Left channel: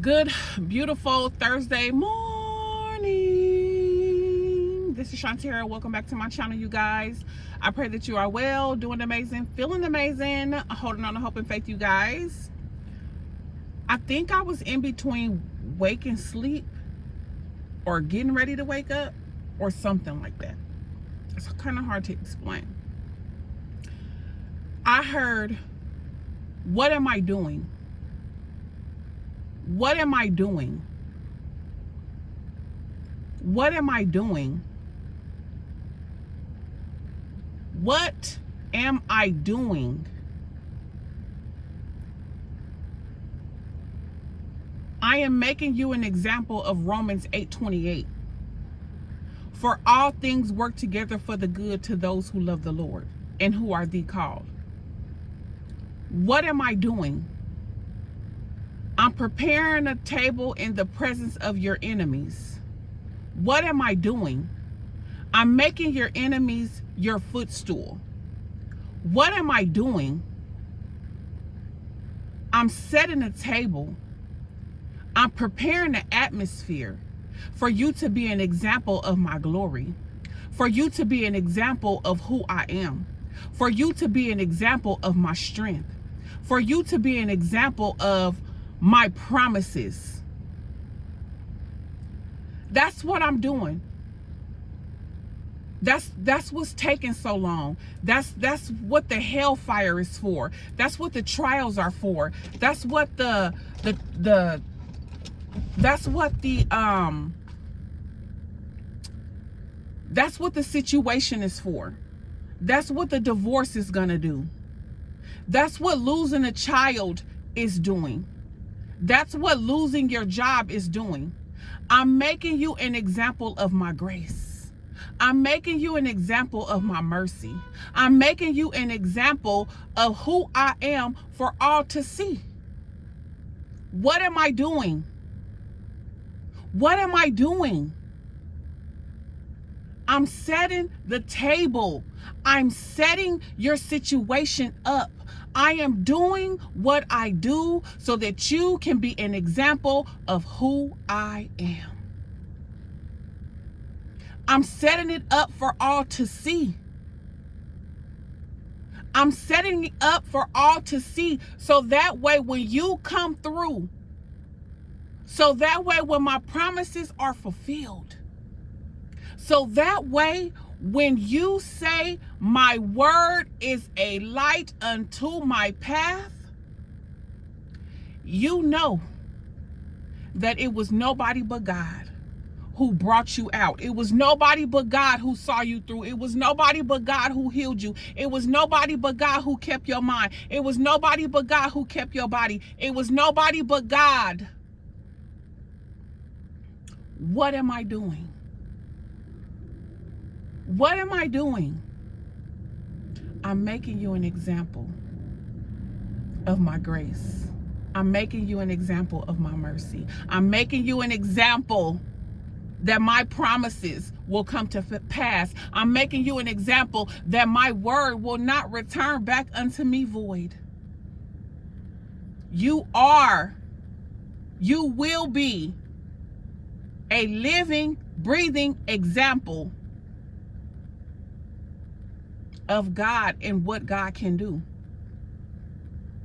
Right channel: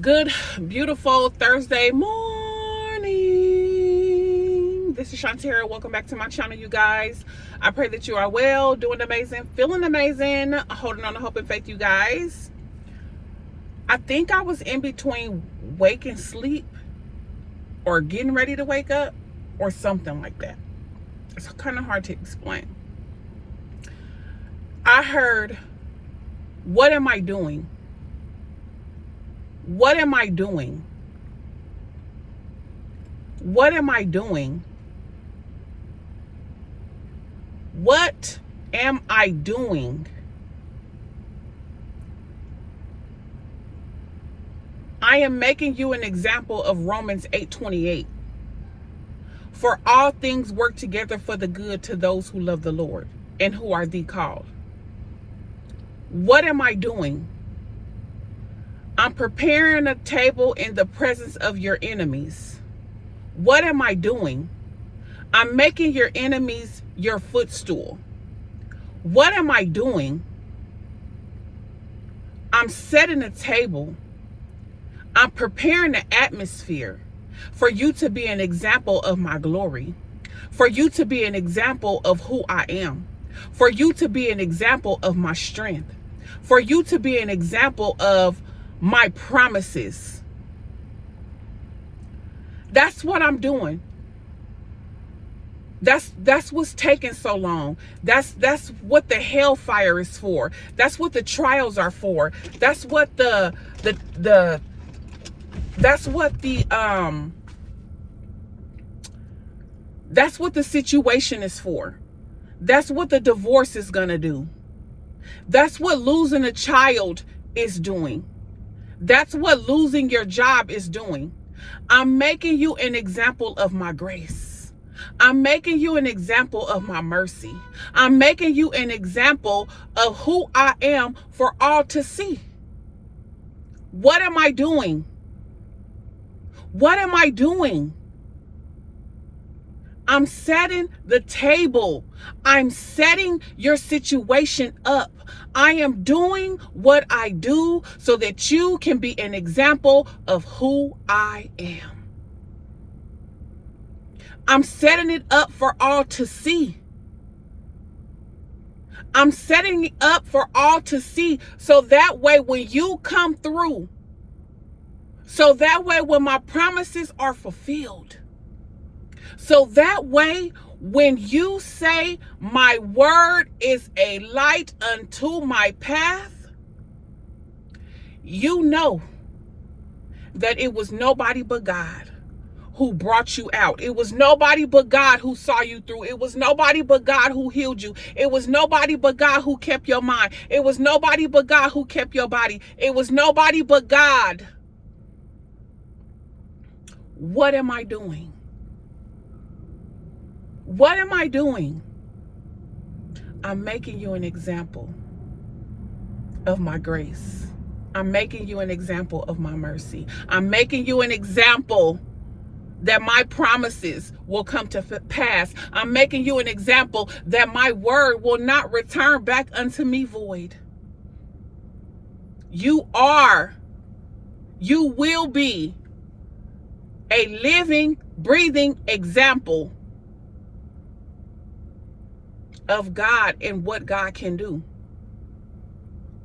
Good, beautiful Thursday morning. This is Shantara. Welcome back to my channel, you guys. I pray that you are well, doing amazing, feeling amazing, holding on to hope and faith, you guys. I think I was in between wake and sleep or getting ready to wake up or something like that. It's kind of hard to explain. I heard, what am I doing? What am I doing? What am I doing? What am I doing? I am making you an example of Romans 8:28. For all things work together for the good to those who love the Lord and who are the called. What am I doing? I'm preparing a table in the presence of your enemies. What am I doing? I'm making your enemies your footstool. What am I doing? I'm setting a table. I'm preparing the atmosphere for you to be an example of my glory, for you to be an example of who I am, for you to be an example of my strength, for you to be an example of my promises. That's what I'm doing. That's what's taking so long. That's what the hellfire is for. That's what the trials are for. That's what that's what the situation is for. That's what the divorce is gonna do. That's what losing a child is doing. That's what losing your job is doing. I'm making you an example of my grace. I'm making you an example of my mercy. I'm making you an example of who I am for all to see. What am I doing? What am I doing? I'm setting the table. I'm setting your situation up. I am doing what I do so that you can be an example of who I am. I'm setting it up for all to see. I'm setting it up for all to see so that way when you come through, so that way when my promises are fulfilled, so that way when you say my word is a light unto my path, you know that it was nobody but God who brought you out. It was nobody but God who saw you through. It was nobody but God who healed you. It was nobody but God who kept your mind. It was nobody but God who kept your body. It was nobody but God. What am I doing? What am I doing? I'm making you an example of my grace. I'm making you an example of my mercy. I'm making you an example that my promises will come to pass. I'm making you an example that my word will not return back unto me void. You will be a living, breathing example of God and what God can do.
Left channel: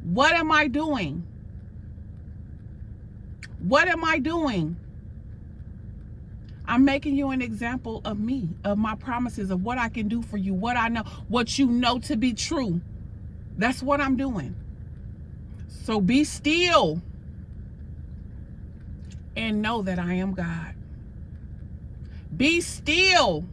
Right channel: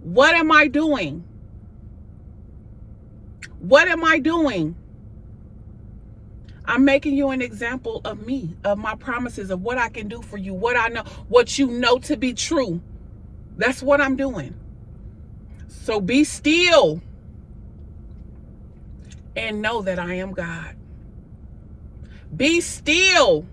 What am I doing? What am I doing? I'm making you an example of me, of my promises, of what I can do for you, what I know, what you know to be true. That's what I'm doing. So be still and know that I am God. Be still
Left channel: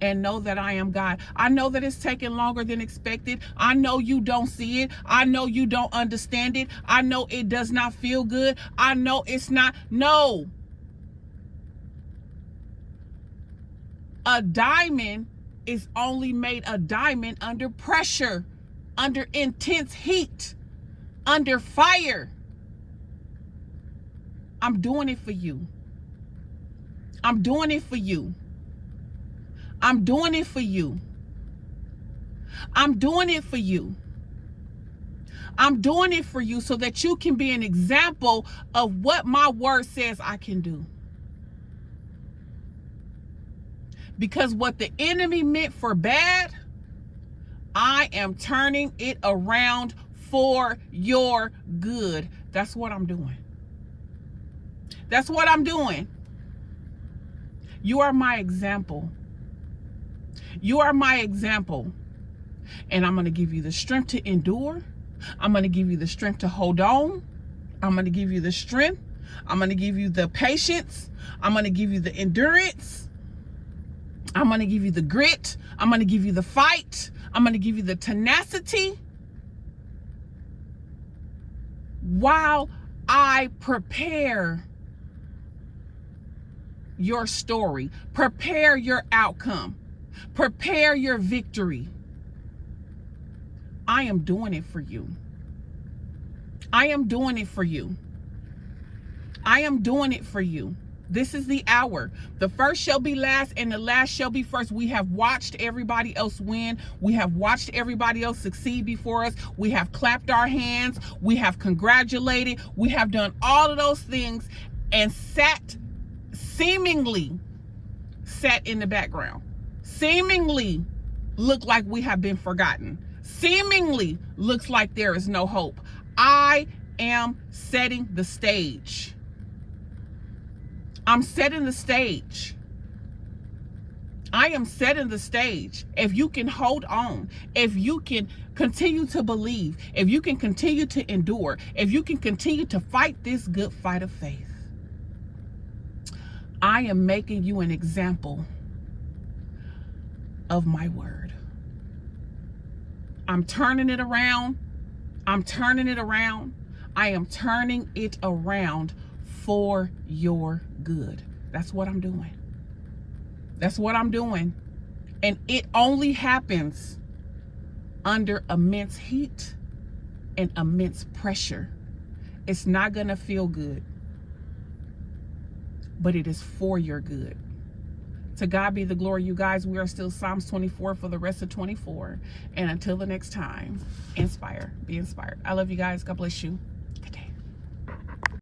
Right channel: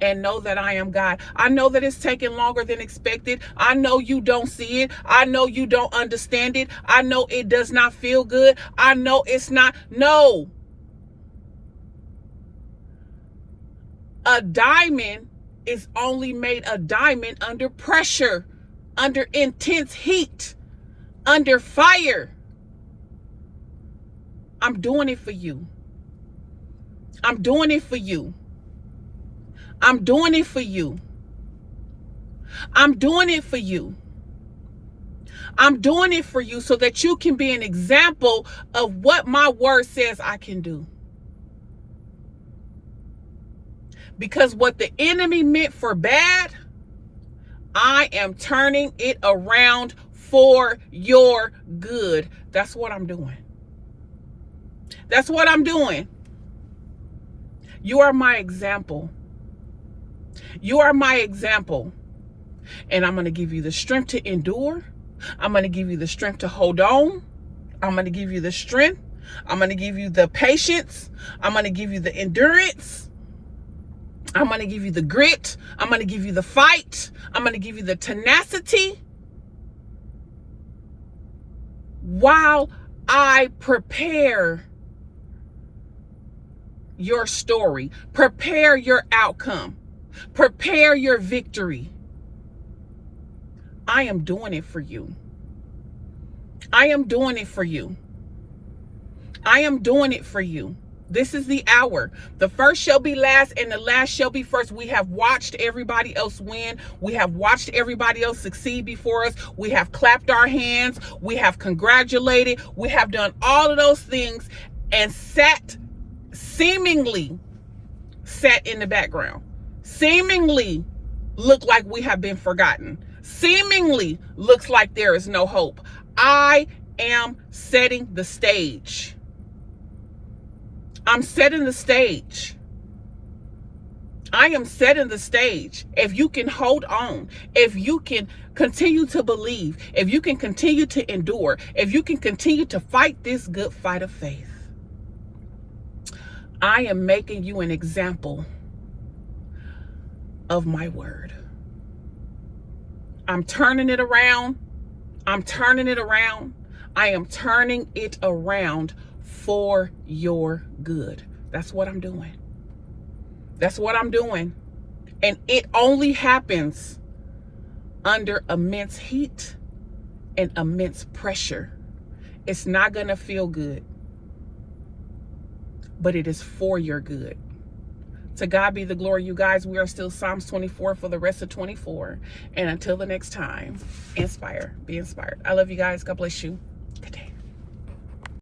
and know that I am God. I know that it's taking longer than expected. I know you don't see it. I know you don't understand it. I know it does not feel good. I know it's not. No. A diamond is only made a diamond under pressure, under intense heat, under fire. I'm doing it for you. I'm doing it for you. I'm doing it for you. I'm doing it for you. I'm doing it for you so that you can be an example of what my word says I can do. Because what the enemy meant for bad, I am turning it around for your good. That's what I'm doing. That's what I'm doing. You are my example. You are my example. And I'm going to give you the strength to endure. I'm going to give you the strength to hold on. I'm going to give you the strength. I'm going to give you the patience. I'm going to give you the endurance. I'm going to give you the grit. I'm going to give you the fight. I'm going to give you the tenacity while I prepare your story, prepare your outcome, prepare your victory. I am doing it for you. I am doing it for you. I am doing it for you. This is the hour. The first shall be last and the last shall be first. We have watched everybody else win. We have watched everybody else succeed before us. We have clapped our hands. We have congratulated. We have done all of those things and seemingly sat in the background. Seemingly look like we have been forgotten. Seemingly looks like there is no hope. I am setting the stage. I'm setting the stage. I am setting the stage. If you can hold on, if you can continue to believe, if you can continue to endure, if you can continue to fight this good fight of faith, I am making you an example of my word. I'm turning it around. I'm turning it around. I am turning it around for your good. That's what I'm doing. That's what I'm doing. And it only happens under immense heat and immense pressure. It's not going to feel good, but it is for your good. To God be the glory, you guys. We are still Psalms 24 for the rest of 24. And until the next time, inspire, be inspired. I love you guys. God bless you.